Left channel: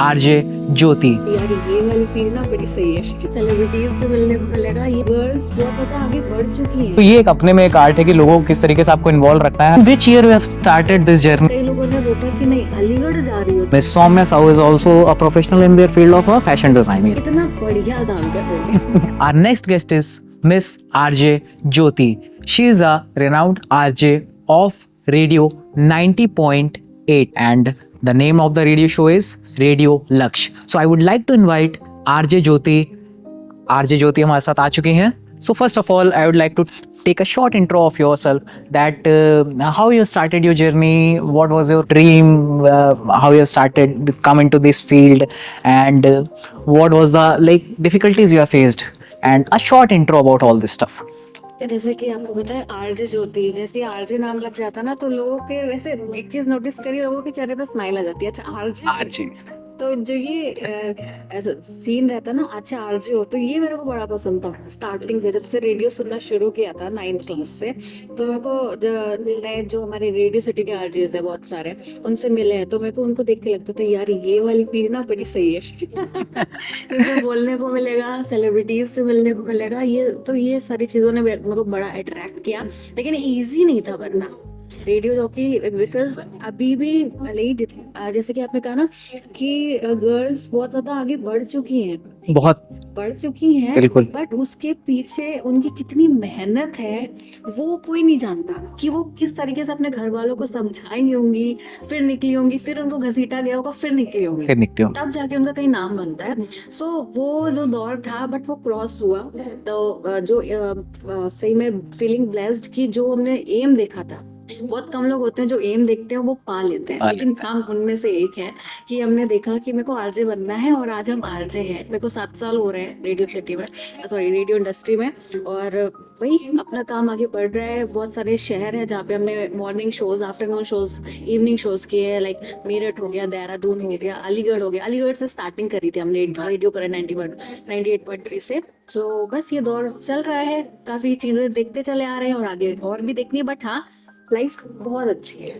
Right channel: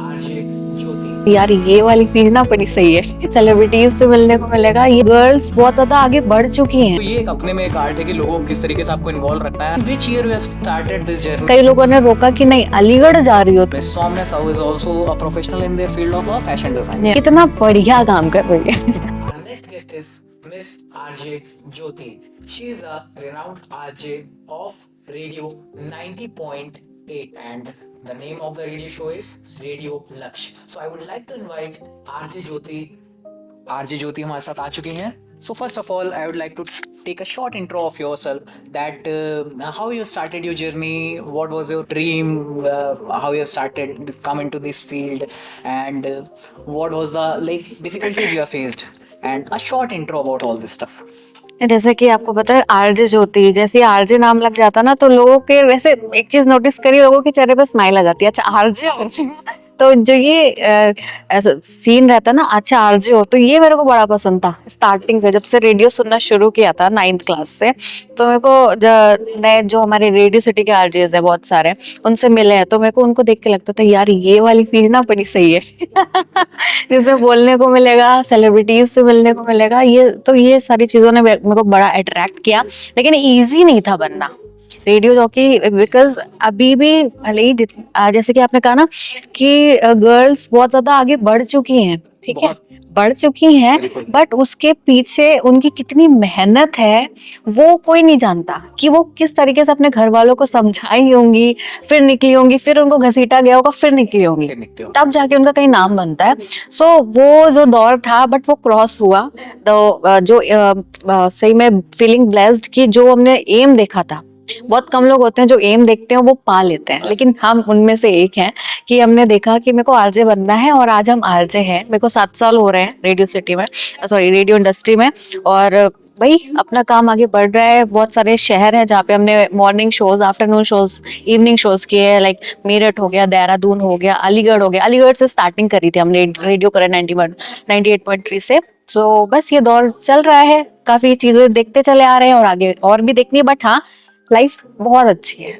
RJ ज्योति। यार ये वाली चीज ना बड़ी सही है, सेलिब्रिटीज से मिलने को मिलेगा। ये गर्ल्स बहुत ज्यादा आगे बढ़ चुकी हैं। तो ये एक अपने में एक आर्ट है कि लोगों को किस तरीके से आपको इन्वॉल्व रखना है। Which year you have started this journey? कई लोगों ने रोका कि नहीं अलीगढ़ जा रही हो। Miss Soumya Sahu is also a professional in their field of fashion design. कितना बढ़िया काम कर रही है। Our next guest is Miss RJ Jyoti. She is a renowned RJ of Radio 90.8 and the name of the radio show is Radio Laksh. So I would like to invite RJ Jyoti. RJ Jyoti हमारे साथ आ चुकी हैं. So first of all, I would like to take a short intro of yourself. That how you started your journey, what was your dream, how you started come into this field, and what was the difficulties you have faced, and a short intro about all this stuff. जैसे कि आपको पता है RJ ज्योति, जैसे RJ नाम लग जाता ना तो लोगों के वैसे एक चीज नोटिस करिए, लोगों के चेहरे पे स्माइल आ जाती है। अच्छा आरजे, तो जो ये ऐसा सीन रहता ना, अच्छा आरजे हो, तो ये मेरे को बड़ा पसंद था स्टार्टिंग से। जब से रेडियो सुनना शुरू किया था 9th क्लास से, तो मेरे को नए जो हमारे रेडियो सिटी के आरजेस है बहुत सारे, उनसे मिले हैं, तो मेरे को उनको देख के लगता था यार ये वाली फील्ड ना बड़ी सही है। जिसमें बोलने को मिलेगा, सेलिब्रिटीज से मिलने को मिलेगा। ये सारी चीजों ने मेरे को बड़ा अट्रैक्ट किया, लेकिन ईजी नहीं था बनना रेडियो जॉकी, बिकॉज अभी भी भले ही जैसे कि आपने कहा ना कि गर्ल्स बहुत ज्यादा आगे बढ़ चुकी हैं, ठीक है, बढ़ चुकी हैं, बट उसके पीछे उनकी कितनी मेहनत है वो कोई नहीं जानता, कि वो किस तरीके से अपने घर वालों को समझाई होंगी, फिर निकली होंगी, फिर उनको घसीटा गया होगा, फिर निकली होंगी, तब जाके उनका कहीं नाम बनता है। सो वो जो दौर था बट वो क्रॉस हुआ, तो जो सही में फीलिंग ब्लेस्ड कि जो हमने एम देखा था, बहुत कम लोग होते हैं जो एम देखते हैं वो पा लेते हैं, लेकिन हम उनमें से एक हैं कि हमने देखा कि मेरे को आरजे बनना है, और आज हम आरजे हैं। मेरे को 7 साल हो रहे हैं रेडियो सिटी में, सॉरी रेडियो इंडस्ट्री में, और भाई अपना काम आगे बढ़ रहा है। बहुत सारे शहर हैं जहाँ पे हमने morning shows, afternoon shows, evening shows किए, लाइक मेरठ हो गया, देहरादून हो गया, अलीगढ़ हो गया। अलीगढ़ से स्टार्टिंग करी थी हमने रेडियो करें 98.3 से। तो बस ये दौर चल रहा है, काफी चीजें देखते चले आ रहे हैं और आगे और भी देखनी है, बट हाँ लाइफ बहुत अच्छी है,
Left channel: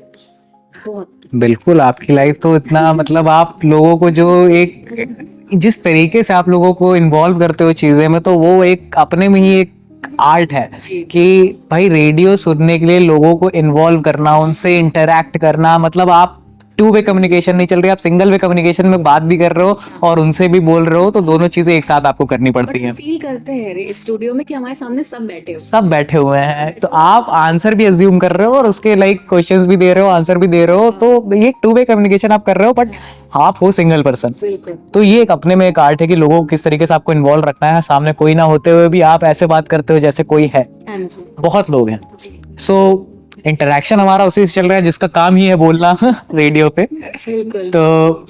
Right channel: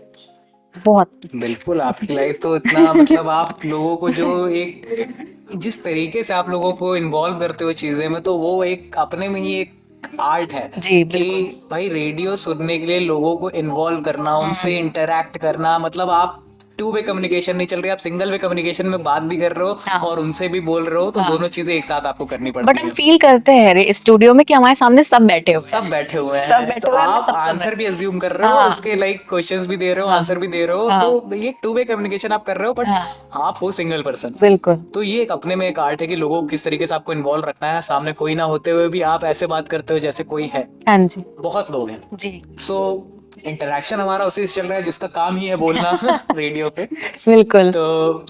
बहुत। बिल्कुल, आपकी लाइफ तो इतना मतलब आप लोगों को जो एक जिस तरीके से आप लोगों को इन्वॉल्व करते हो चीजें में, तो वो एक अपने में ही एक आर्ट है कि भाई रेडियो सुनने के लिए लोगों को इन्वॉल्व करना, उनसे इंटरैक्ट करना। मतलब आप 2 वे कम्युनिकेशन नहीं चल रही, आप सिंगल वे कम्युनिकेशन में बात भी कर रहे हो और उनसे भी बोल रहे हो, तो दोनों चीजें एक साथ आपको करनी पड़ती है। फील करते हैं स्टूडियो में कि हमारे सामने सब बैठे हुए हैं, तो आप आंसर भी अज्यूम कर रहे हो और उसके क्वेश्चंस भी दे रहे हो, आंसर भी दे रहे हो, तो ये 2 वे कम्युनिकेशन आप कर रहे हो, बट आप हो सिंगल पर्सन। बिल्कुल। तो ये एक अपने में एक आर्ट है कि लोगों को किस तरीके से आपको इन्वॉल्व रखना है, सामने कोई ना होते हुए भी आप ऐसे बात करते हो जैसे कोई है। हाँ जी, बहुत लोग हैं जी। सो इंटरेक्शन हमारा उसी से चल रहा है जिसका काम ही है बोलना रेडियो पे। बिल्कुल। तो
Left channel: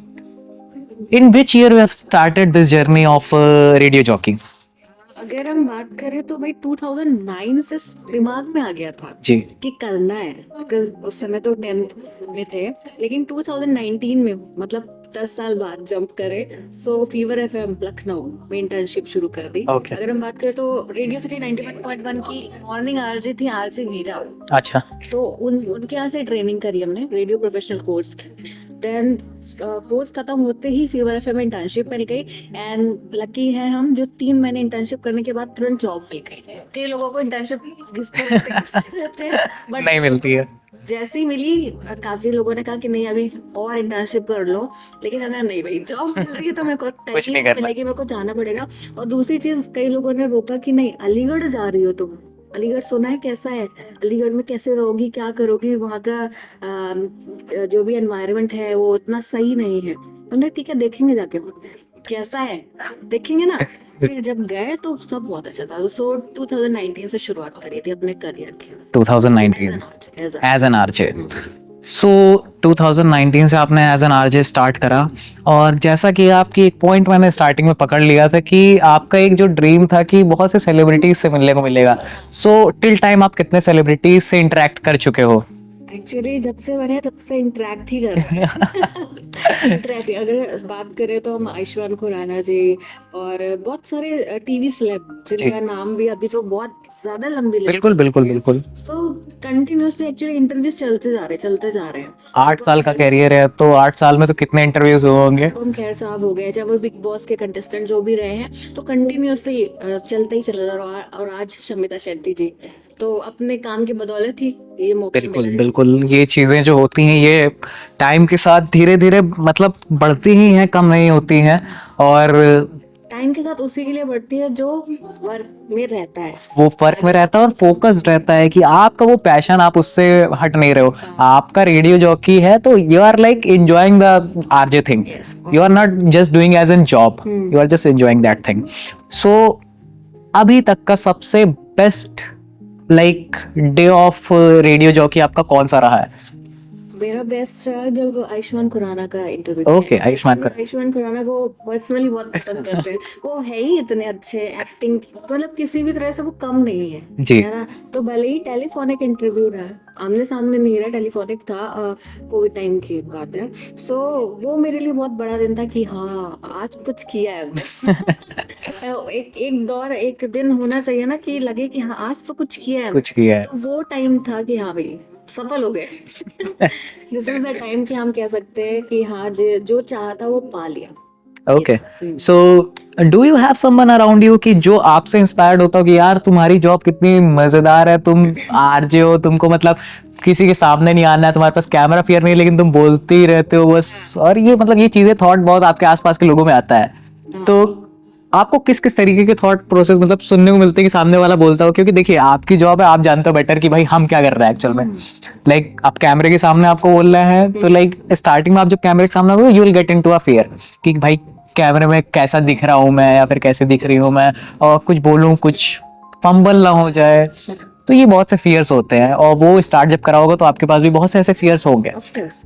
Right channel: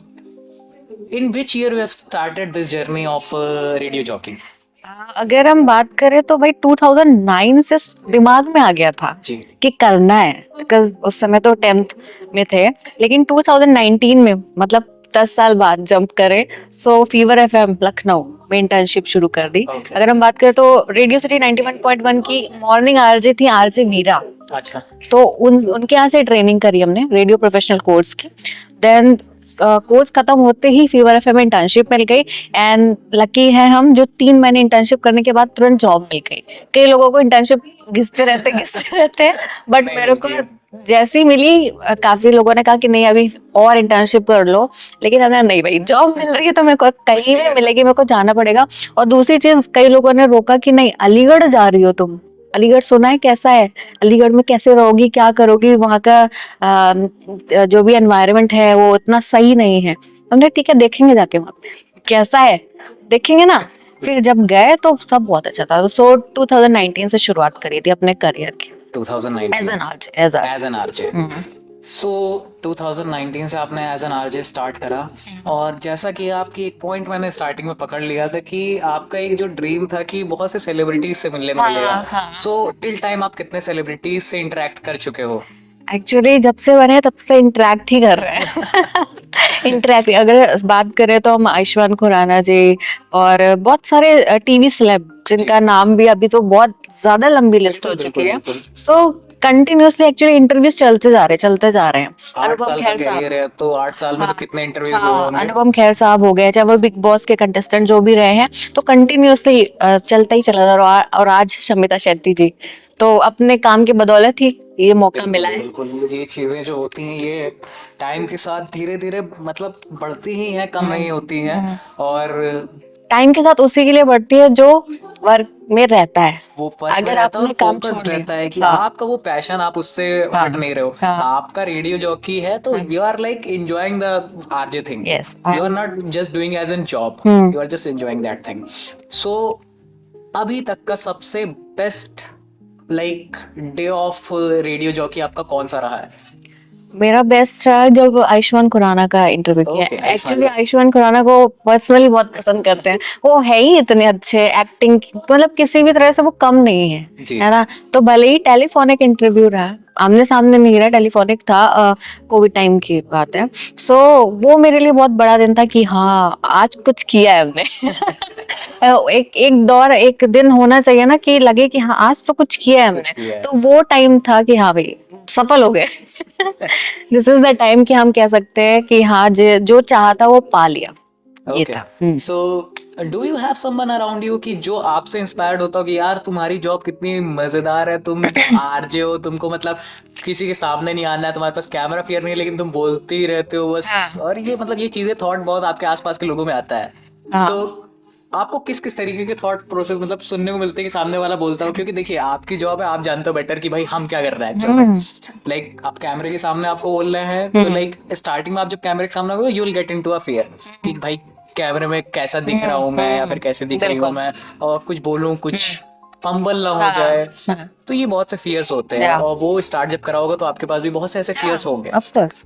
in which year you have started this journey of radio jockeying? अगर हम बात करें तो भाई 2009 से दिमाग में आ गया था जी कि करना है, बिकॉज उस समय तो 10th में थे, लेकिन 2019 में मतलब 10 साल बाद जंप करे, सो फीवर एफएम लखनऊ में इंटर्नशिप शुरू कर दी। अगर हम बात करें तो रेडियो सिटी 91.1 की मॉर्निंग आरजे थी, आरजे वीरा। अच्छा। तो उनके यहाँ से ट्रेनिंग करी हमने रेडियो प्रोफेशनल कोर्स की। देन कोर्स खत्म होते ही फीवर एफएम में इंटर्नशिप मिल गई, एंड लकी है हम जो 3 महीने इंटर्नशिप करने के बाद तुरंत जॉब मिल गई। कई लोगों को इंटर्नशिप घिसते रहते हैं, बट मेरे को जैसी मिली, काफी लोगों ने कहा कि नहीं अभी और इंटर्नशिप कर लो, लेकिन हमने नहीं भाई जॉब मिल रही है तो मेरे को कहीं नहीं मिलेगी, मेरे को जाना पड़ेगा। और दूसरी चीज, कई लोगों ने रोका कि नहीं अलीगढ़ जा रही हो तुम, अलीगढ़ सुना है कैसा है, अलीगढ़ में कैसे रहोगी, क्या करोगी, वहाँ का जो भी एनवायरनमेंट है वो इतना सही नहीं है। हमने ठीक है देखेंगे जाके वहाँ कैसा है, देखेंगे ना। फिर जब गए तो सब बहुत अच्छा था। सो 2019 से शुरुआत करी थी अपने करियर की। 2019 एज एन आरजे। सो 2019 से आपने एज एन आरजे स्टार्ट करा, और जैसा कि आपकी एक पॉइंट मैंने स्टार्टिंग में पकड़ लिया था कि आपका एक जो ड्रीम था कि बहुत से सेलिब्रिटीज से मिलने को मिलेगा। सो टिल टाइम आप कितने सेलिब्रिटीज से इंटरेक्ट कर चुके हो? एक्चुअली जब से बने तब से इंटरेक्ट ही कर रहे हैं। इंटरेक्ट अगर बात करें तो हम आयुष्मान खुराना जी और बहुत सारे टीवी सेलेब जिनका नाम भी अभी तो बहुत ज्यादा लंबी लिस्ट हो चुकी है। सो कंटिन्यूअसली एक्चुअली इंटरव्यूज चलते जा रहे हैं। 8 साल का कैरियर है, तो 8 साल में तो कितने इंटरव्यूज हुए होंगे। अनुपम खेर साहब हो गए, चाहे वो बिग बॉस के कंटेस्टेंट जो भी रहे हैं, तो कंटिन्यूअसली चलता ही चला जा रहा है। और आज शमिता शेट्टी जी, तो अपने काम की बदौलत ही ये मौका मिला है। बिल्कुल, ये चीजें जो होती हैं ये टाइम के साथ धीरे धीरे मतलब बढ़ती ही हैं, कम नहीं होती हैं। और टाइम के साथ उसी के लिए बढ़ती है जो वर्क में रहता है, वो फर्क में रहता है और फोकस्ड रहता है कि आपका वो पैशन, आप उससे हट नहीं रहे हो। आपका रेडियो जॉकी है तो you are like enjoying the RJ thing, you are not just doing as an job, you are just enjoying that thing. So अभी तक का सबसे best like day of radio jockey आपका कौन सा रहा है? मेरा बेस्ट रहा जब आयुष्मान खुराना का इंटरव्यू किया। एक्चुअली आयुष्मान खुराना को पर्सनली बहुत पसंद करते हैं, वो है ही इतने अच्छे, एक्टिंग मतलब किसी भी तरह से वो कम नहीं है ना। तो भले ही टेलीफोनिक इंटरव्यू रहा, आमने सामने नहीं रहा, टेलीफोनिक था, कोविड टाइम की बात है। सो वो मेरे लिए बहुत बड़ा दिन था कि हाँ आज कुछ किया है हमने। एक दौर, एक दिन होना चाहिए ना कि लगे कि हाँ आज तो कुछ किया है हमने। तो वो टाइम था कि हाँ भाई सफल हो गए। दिस इज द टाइम कि हम कह सकते हैं कि हाँ जो चाहा था वो पा लिया। Okay, so do you have someone around you कि जो आपसे इंस्पायर्ड होता हो कि यार तुम्हारी जॉब कितनी मजेदार है, तुम आरजे हो, तुमको मतलब किसी के सामने नहीं आना है, तुम्हारे पास कैमरा फियर नहीं, लेकिन तुम बोलते ही रहते हो बस। और ये मतलब ये चीजें थॉट बहुत आपके आसपास के लोगों में आता है। तो आपको किस किस तरीके के थॉट प्रोसेस मतलब सुनने को मिलते हैं कि सामने वाला बोलता हो? क्योंकि देखिए आपकी जॉब है, आप जानते हो बेटर कि भाई हम क्या कर रहे हैं एक्चुअल में। लाइक आप कैमरे के सामने आपको बोल रहे हैं, तो लाइक स्टार्टिंग में आप जब कैमरे के सामने हो you will get into a fear कि भाई कैमरे में कैसा दिख रहा हूँ मैं, या फिर कैसे दिख रही हूँ मैं, और कुछ बोलूं, कुछ फंबल ना हो जाए। तो ये बहुत से फियर्स होते हैं, और वो स्टार्ट जब करा होगा तो आपके पास भी बहुत से ऐसे फियर्स होंगे।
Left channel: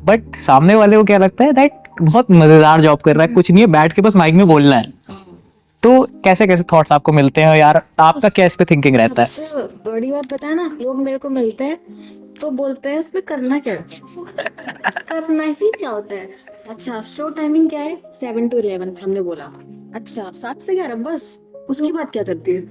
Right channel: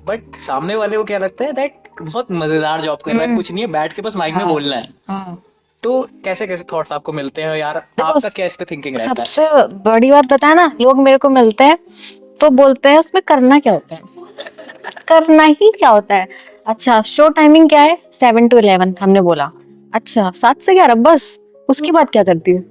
बट सामने वाले को क्या लगता है दैट बहुत मजेदार जॉब कर रहा है, कुछ नहीं है, बैठ के बस माइक में बोलना है। तो कैसे कैसे थॉट्स आपको मिलते हैं यार, आपका क्या इस पे थिंकिंग रहता है? सबसे बड़ी बात बताया ना, लोग मेरे को मिलते हैं तो बोलते हैं उसमें करना क्या होता है। करना ही क्या होता है? अच्छा शो टाइमिंग क्या है? 7 to 11 हमने बोला। अच्छा 7 से 11 बस, उसके बाद क्या करती है?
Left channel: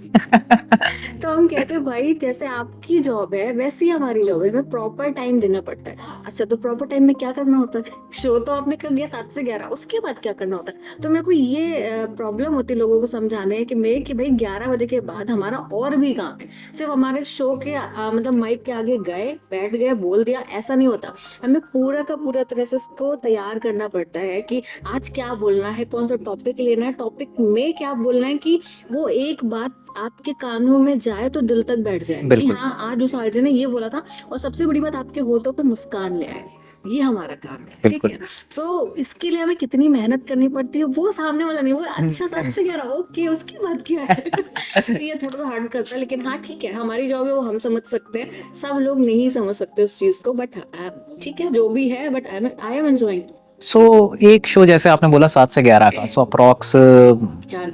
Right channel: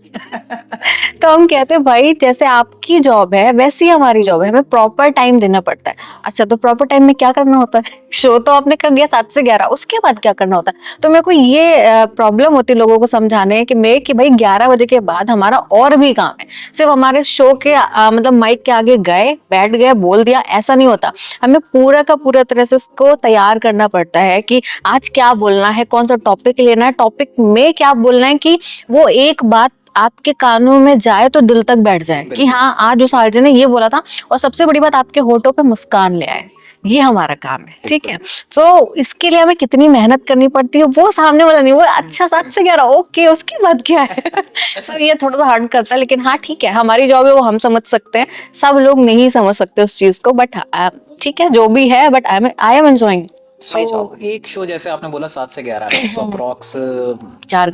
तो हम कहते हैं भाई जैसे आपकी जॉब है वैसी हमारी जॉब है, हमें प्रॉपर टाइम देना पड़ता है। अच्छा तो प्रॉपर टाइम में क्या करना होता है? शो तो आपने कर दिया 7 से 11, उसके बाद क्या करना होता है? तो मेरे को ये प्रॉब्लम होती है लोगों को समझाने कि भाई 11 बजे के बाद हमारा और भी काम है। सिर्फ हमारे शो के मतलब माइक के आगे गए, बैठ गए, बोल दिया, ऐसा नहीं होता। हमें पूरा का पूरा तरह से उसको तैयार करना पड़ता है कि आज क्या बोलना है, कौन सा टॉपिक लेना है, टॉपिक में क्या बोलना है कि वो एक बात आपके कानों में जाए तो दिल तक बैठ जाए कि हाँ आज उस आरजे ने ये बोला था। और सबसे बड़ी बात, आपके होठों पे मुस्कान ले आए। ये हमारा काम है, ठीक है। तो इसके लिए हमें कितनी मेहनत करनी पड़ती है वो सामने वाला नहीं, वो अच्छा 7 से 11 ओके, उसके बाद क्या है? तो ये थोड़ा सा हार्ड करता है, लेकिन हाँ ठीक है, हमारी जॉब है वो हम समझ सकते हैं। सब लोग नहीं समझ सकते उस चीज को, बट ठीक है जो भी है, बट आई एम एंजॉयिंग। सो एक शो जैसे आपने बोला 7 से 11 का, सो अप्रॉक्स 4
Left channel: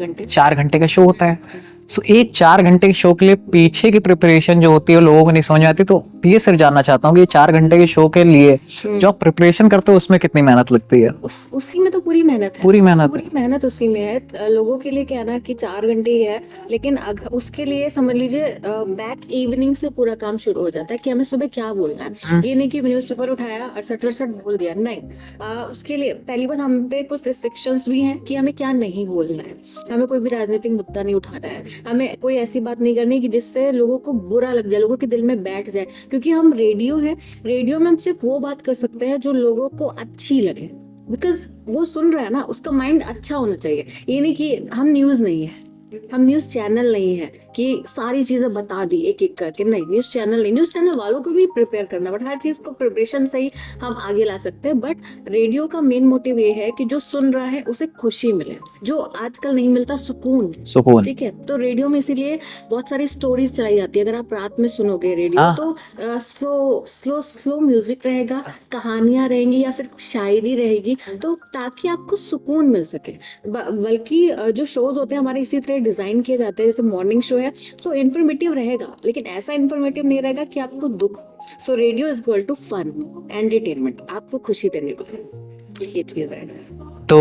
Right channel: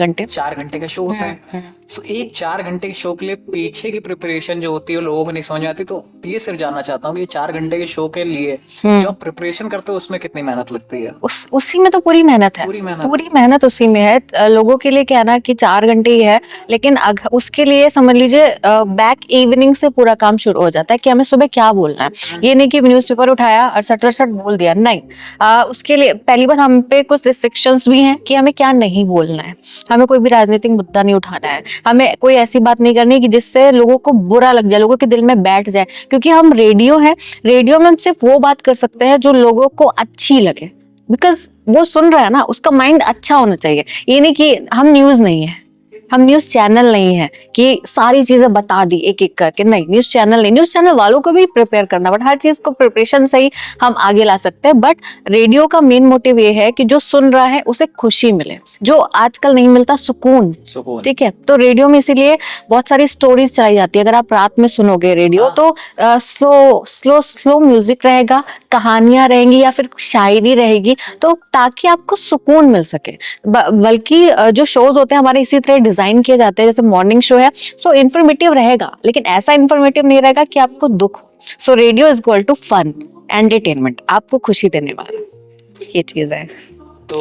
घंटे का शो होता है। सो एक 4 घंटे के शो के लिए पीछे की प्रिपरेशन जो होती है लोगों को नहीं समझ आती। तो ये सिर्फ जानना चाहता हूँ कि 4 घंटे के शो के लिए जो आप प्रिपरेशन करते हो उसमें कितनी मेहनत लगती है? उसी में तो पूरी मेहनत है, पूरी मेहनत उसी में है। लोगों के लिए क्या ना कि 4 घंटे ही है, लेकिन उसके लिए समझ लीजिए बैक इवनिंग से पूरा काम शुरू हो जाता है कि हमें सुबह क्या बोलना है। ये नहीं कि न्यूज़पेपर उठाया और सट बोल दिया, नहीं। उसके लिए पहली बात हम पे कुछ रिस्ट्रिक्शंस भी हैं कि हमें क्या नहीं बोलना है। हमें कोई भी राजनीतिक मुद्दा नहीं उठाना है, हमें कोई ऐसी बात नहीं करनी कि जिससे लोगों को बुरा लग जाए, लोगों के दिल में बैठ जाए। क्योंकि हम रेडियो है, रेडियो में हम सिर्फ वो बात कर सकते हैं जो लोगों को अच्छी लगे, बिकॉज वो सुन रहा है ना, उसका माइंड अच्छा होना चाहिए। ये नहीं कि हम न्यूज नहीं है, हम न्यूज चैनल नहीं है कि सारी चीजें बता दी एक एक करके, नहीं। न्यूज चैनल नहीं, न्यूज चैनल वालों को भी प्रिपेयर करना, बट हर चीज को प्रिपरेशन से ही हम आगे ला सकते हैं। बट रेडियो का मेन मोटिव ये है कि जो सुन रहा है उसे खुशी मिले, जो आजकल नहीं मिलता, सुकून। ठीक है, तो रेडियो में इसीलिए बहुत सारी स्टोरीज चलाई जाती है। अगर आप रात में सुनोगे रेडियो तो स्लो म्यूजिक रहेगा, कहानियां रहेंगी या फिर शायरी रहेगी, तो ताकि आपको सुकून मिल सके। बल्कि जो शोज होते हैं हमारे इसी तरह डिजाइन किए जाते हैं, जैसे मॉर्निंग शो है तो इंफॉर्मेटिव रहेगा, लेकिन ऐसा इंफॉर्मेटिव नहीं रहेगा कि आपको दुख। So radio is equal to fun, entertainment, आपको खुशी देने वाला, ये चीज है। तो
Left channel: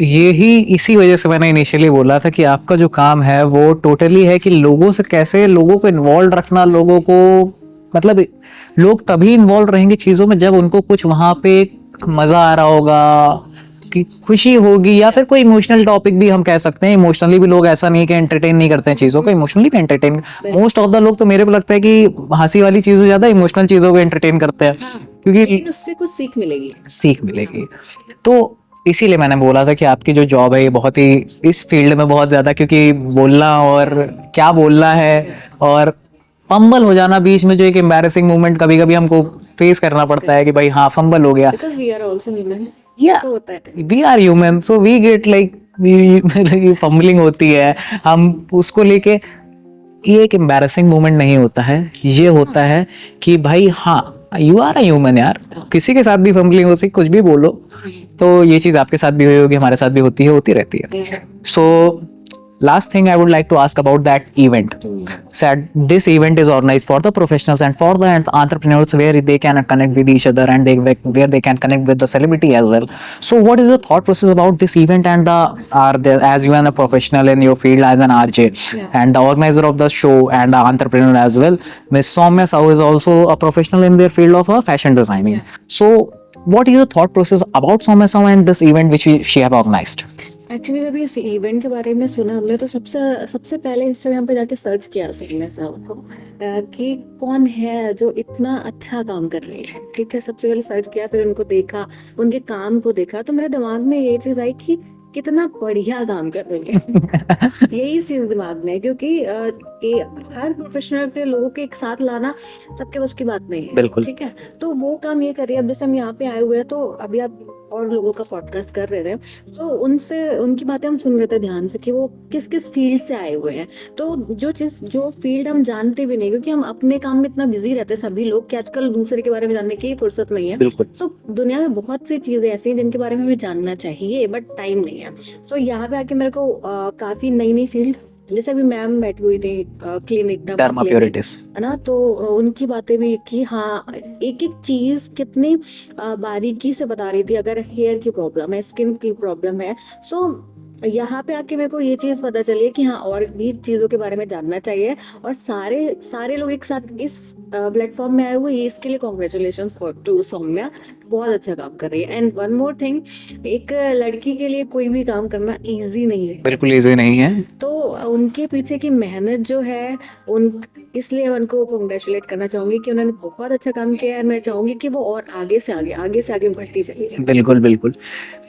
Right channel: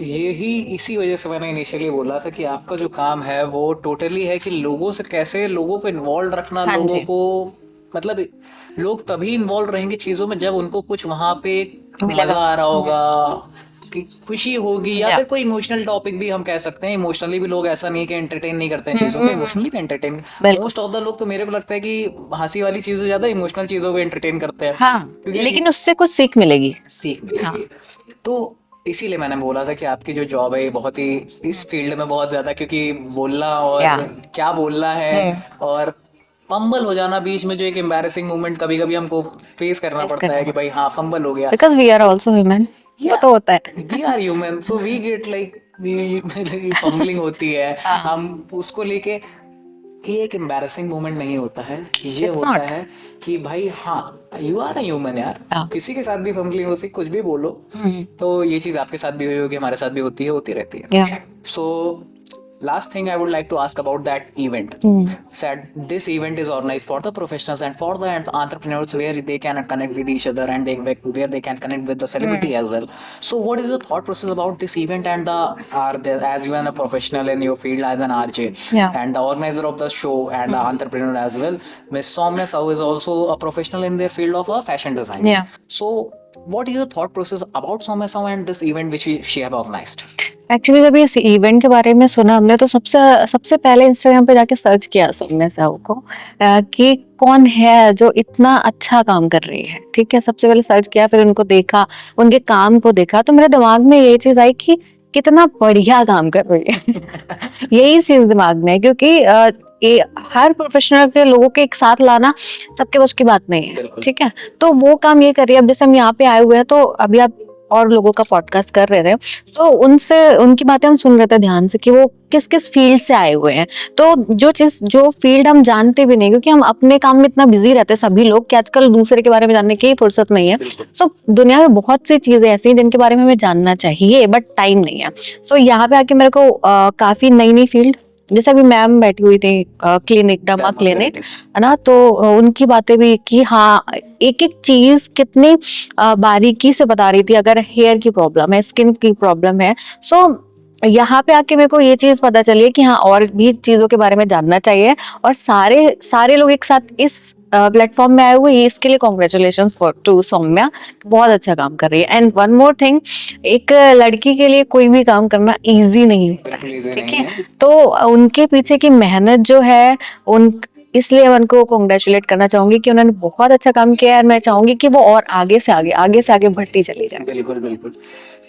ये ही इसी वजह से मैंने इनिशियली बोला था कि आपका जो काम है वो टोटली है कि लोगों से कैसे लोगों को इन्वॉल्व रखना, लोगों को मतलब लोग तभी इन्वॉल्व रहेंगे चीजों में जब उनको कुछ वहां पे मजा आ रहा होगा, कि खुशी होगी, या फिर कोई इमोशनल टॉपिक भी हम कह सकते हैं। इमोशनली भी लोग ऐसा नहीं है कि एंटरटेन नहीं करते हैं चीजों को, इमोशनली भी एंटरटेन। मोस्ट ऑफ द लोग तो मेरे को लगता है कि हंसी वाली चीजों से ज्यादा इमोशनल चीजों को एंटरटेन करते हैं, हाँ, क्योंकि लेकिन उससे कुछ सीख मिलेगी। सीख मिलेगी। तो इसीलिए मैंने बोला था कि आपकी जो जॉब है ये बहुत ही इस फील्ड में बहुत ज्यादा, क्योंकि बोलना और क्या बोलना है और फंबल हो जाना बीच में, जो एक एम्बैरेसिंग मोमेंट कभी कभी हमको फेस करना पड़ता है कि भाई हाँ फंबल हो गया, because we are also human. तो होता है, we are human, so we get like fumbling होती है, हम उसको लेके, ये एक एम्बैरेसिंग मोमेंट नहीं होता है, ये होता है कि भाई हाँ यू आर अ ह्यूमन यार, किसी के साथ भी फंबलिंग होती, कुछ भी बोलो। तो ये चीज आपके साथ भी हुई होगी, हमारे साथ भी होती है, होती रहती है। सो last thing I would like to ask about that event. Said this event is organized for the professionals and for the entrepreneurs, where they can connect with each other and where they can connect with the celebrity as well. So what is the thought process about this event and as you are a professional in your field as an RJ and the organizer of the show and the entrepreneur as well, Miss Soumya Sahu is also a professional in their field of fashion designing. So what is the thought process about Soumya Sahu and this event which she have organized? Actually जब इस event के बारे में सुना हमने, तो सबसे पहले इंस्टाग्राम पे जाके सर्च किया सौम्या साहू को, कि कौन है जो इतना अच्छा काम कर रही है। ठीक है, सबसे पहले सर्च किया, फिर उनको देखा, उनके काम को देखा, तो मेरे दिमाग में ये चीज आई कि कितना बढ़िया काम कर रही है। यही चीज दिमाग में है, क्योंकि ये हर प्रोफेशनल के लोगों के एक साथ लाना सबके बस की बात नहीं है। ठीक है, तो वो काम ये कर रही है। अब जैसे हम यहाँ पे आए हुए हैं, तो अभी आप और लोगों का पॉडकास्ट कर रहे थे, तो उनकी बातें हम सुन रहे थे ध्यान से कि वो किस किस फील्ड से आए हुए हैं। तो जो फील्ड हम जानते भी नहीं, क्योंकि हम अपने काम में इतना बिजी रहते हैं सभी लोग कि आजकल दूसरे के बारे में जानने की फुर्सत नहीं है। सो दुनिया में बहुत सी चीजें ऐसी हैं जिनके बारे में हमें जानना चाहिए, बट टाइम नहीं है। सो यहाँ पे आके मेरे को काफी नई फील्ड, जैसे अभी मैम बैठी हुई थी क्लिनिक, डर्मा क्लिनिक है ना, तो उनकी बातें भी कि हाँ एक एक चीज कितनी बारीकी से बता रही थी। अगर हेयर की प्रॉब्लम है, स्किन की प्रॉब्लम है, सो यहाँ पे आके मेरे को ये चीज पता चली है कि हाँ और भी चीजों के बारे में जानना चाहिए। और सारे लोग एक साथ इस प्लेटफॉर्म में आए हुए, इसके लिए कॉन्ग्रेचुलेशन टू सौम्या, बहुत अच्छा काम कर रही है। एंड वन मोर थिंग, एक लड़की के लिए कोई भी काम करना इजी नहीं है, बिल्कुल इजी नहीं है। तो उनके पीछे की मेहनत जो है इसलिए मैं उनको कॉन्ग्रेचुलेट करना चाहूंगी कि उन्होंने बहुत अच्छा काम किया है। और मैं चाहूंगी कि वो और आगे से आगे बढ़ती चली जाए। बिल्कुल बिल्कुल।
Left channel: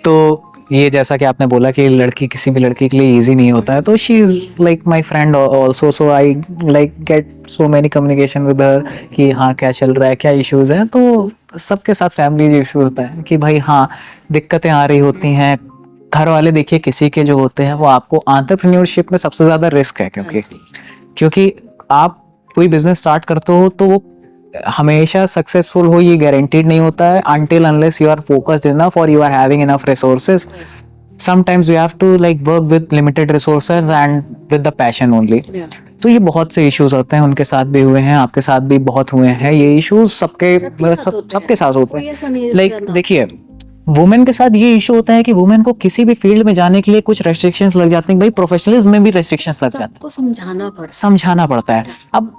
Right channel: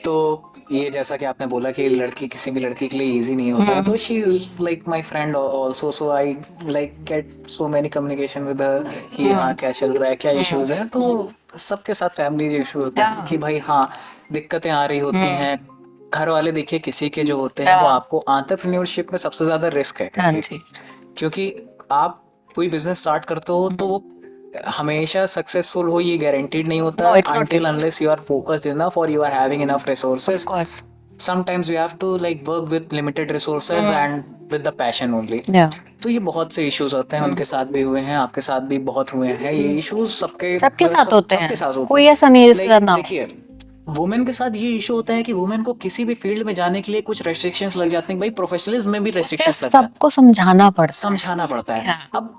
तो ये जैसा कि आपने बोला कि लड़की किसी भी लड़की के लिए इजी नहीं होता है, तो she is like my friend also, so I like get so many communication with her कि हाँ क्या चल रहा है, क्या इश्यूज हैं। तो सबके साथ फैमिली इशू होते हैं कि भाई हाँ दिक्कतें आ रही होती हैं। घर वाले देखिए किसी के जो होते हैं, वो आपको एंटरप्रेन्योरशिप में सबसे ज्यादा रिस्क है, क्योंकि आप कोई बिजनेस स्टार्ट करते हो तो वो हमेशा सक्सेसफुल हो ये गारंटीड नहीं होता है, until unless you are focused enough or you are having enough resources. Sometimes you have to like work with limited resources and with the passion only. तो ये बहुत से इश्यूज होते हैं, उनके साथ भी हुए हैं, आपके साथ भी बहुत हुए हैं ये इश्यूज, सबके साथ होते हैं, कोई ऐसा नहीं है। देखिए वुमेन के साथ ये इशू होता है कि वुमेन को किसी भी फील्ड में जाने के लिए कुछ रेस्ट्रिक्शंस लग जाते हैं। भाई प्रोफेशनलिज्म में भी रेस्ट्रिक्शंस लग जाते हैं, सबको समझाना पड़ता है। अब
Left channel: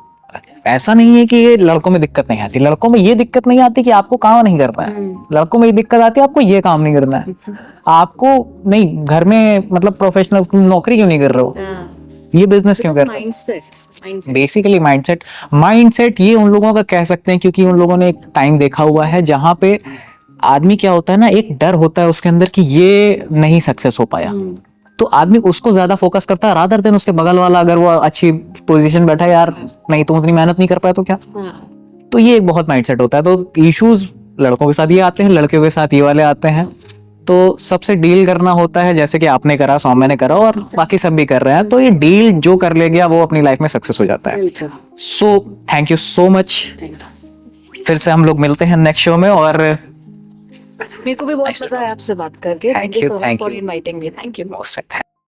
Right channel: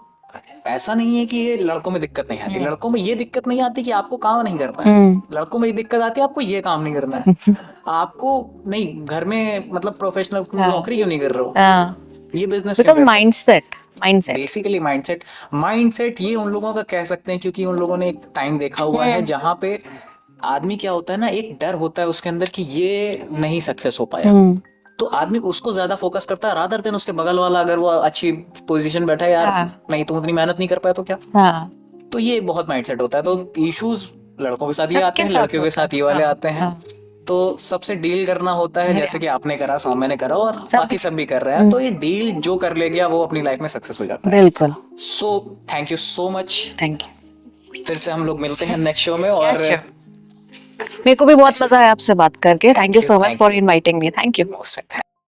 ऐसा नहीं है कि ये लड़कों में दिक्कत नहीं आती, लड़कों में ये दिक्कत नहीं आती कि आपको काम नहीं करना है, लड़कों में ये दिक्कत आती है आपको ये काम नहीं करना है। आपको नहीं, घर में मतलब प्रोफेशनल नौकरी क्यों नहीं कर रहे हो, ये बिजनेस क्यों कर रहे हो? बेसिकली माइंडसेट ये उन लोगों का कह सकते हैं, क्योंकि उन लोगों ने एक टाइम देखा हुआ है जहाँ पे आदमी क्या होता है ना, एक डर होता है उसके अंदर कि ये नहीं सक्सेस हो पाया, तो आदमी उसको ज्यादा फोकस करता है रादर देन उसके बगल वाला अगर वो अच्छी पोजीशन बैठा है, यार नहीं तुम उतनी मेहनत नहीं कर पाया तो क्या। तो ये एक बहुत माइंडसेट होता है। तो इश्यूज लड़कों के साथ ये आते हैं, लड़कियों के साथ ये वाले आते हैं। तो सबसे डील करना होता है, जैसे कि आपने करा, सौम्या ने करा और बाकी सब भी कर रहे हैं। तो ये डील जो कर ले गया वो अपनी लाइफ में सक्सेस हो जाता है। So thank you so much, फिर से हम लोग मिलते हैं नेक्स्ट शो में। और मेरे को भी बहुत मजा आया आपसे बात करके। Thank you so much for inviting me. Thank you.